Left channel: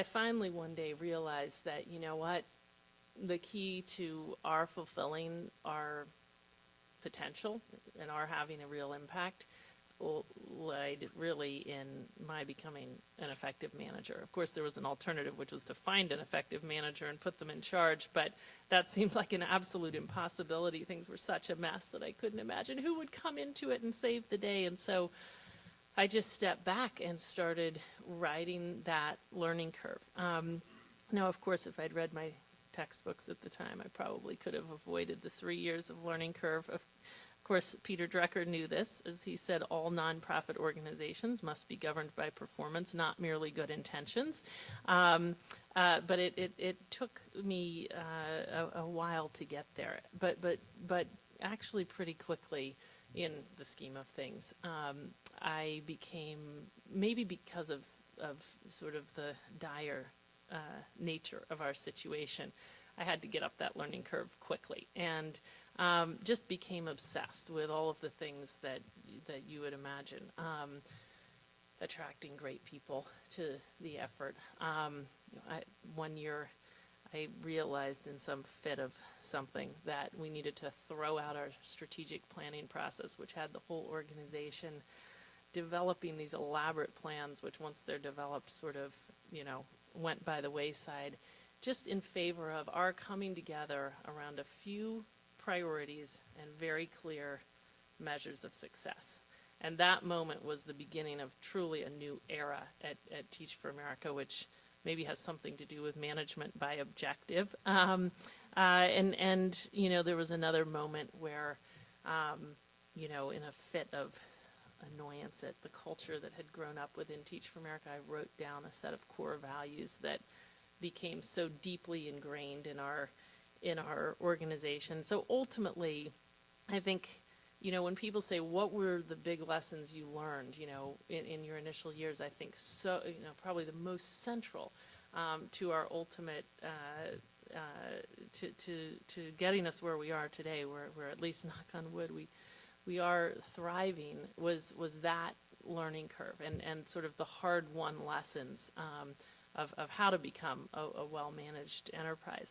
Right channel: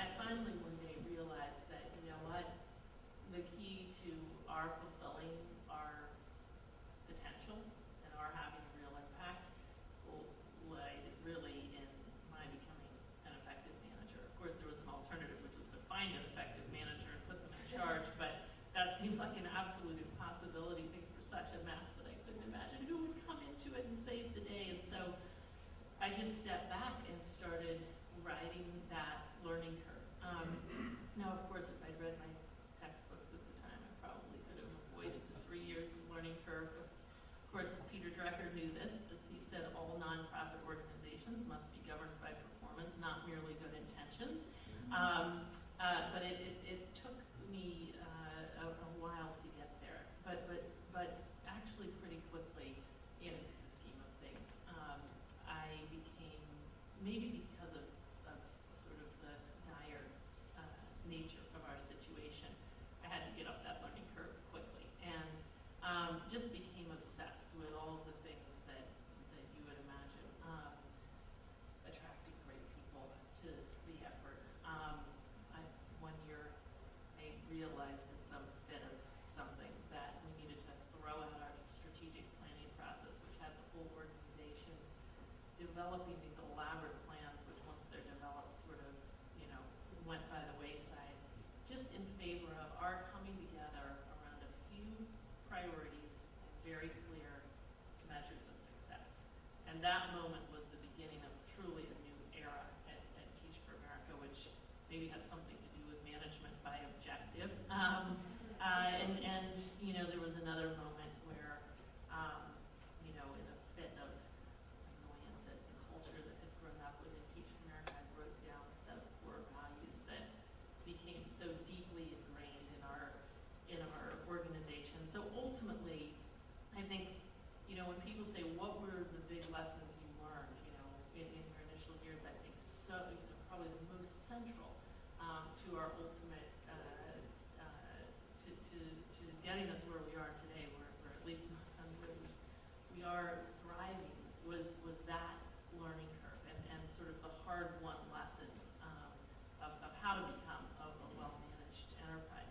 I finally one day realized that, you know what, the key to our fulfilling our potential and our having a real impact lied really in my becoming an effective manager. Of course, there was an alternative, which was to find an effective manager and put them in charge, but that seemed like an absolute impossibility. Things were such a mess that I couldn't imagine who would come into it and save the day. And so I just stepped back and started riding that learning curve. Now, of course, if I'd read my textbooks at the time, I probably could have avoided the 3 years of learning curve. Of course, Peter Drucker knew this. As he said, all nonprofit organizations must be governed by performance, not merely good intentions. But it took me a while to get there. But actually pretty quickly in the scheme of things, I became, maybe because of sort of the dire nature of our situation, I had to get up that learning curve quickly, and just became obsessed with all of the things that you would imagine, attracting great people to the effort. One year I realized in some fit of something that we needed to throw out our strategic planning process, which had the whole organization developing these elaborate plans, which once they're developed sort of, went by the wayside, just in favor of our coming together around a few priorities and very clear measures of success. And that moment was the beginning of truly a new era at Teach for America, which maybe has something to do with management by objective. And there was another moment where, in a fit of annoyance at the culture that had grown up within Teach for America, I wrote down a set of core values that became so deeply ingrained in our organization. So ultimately, I think, when people say, what were the big lessons you learned, in your initial years, I think probably the most central to our ultimate, to getting us where we are today, where at least, knock on wood, we are thriving, was that learning curve and sort of the hard-won lessons of how to become a well-managed enterprise.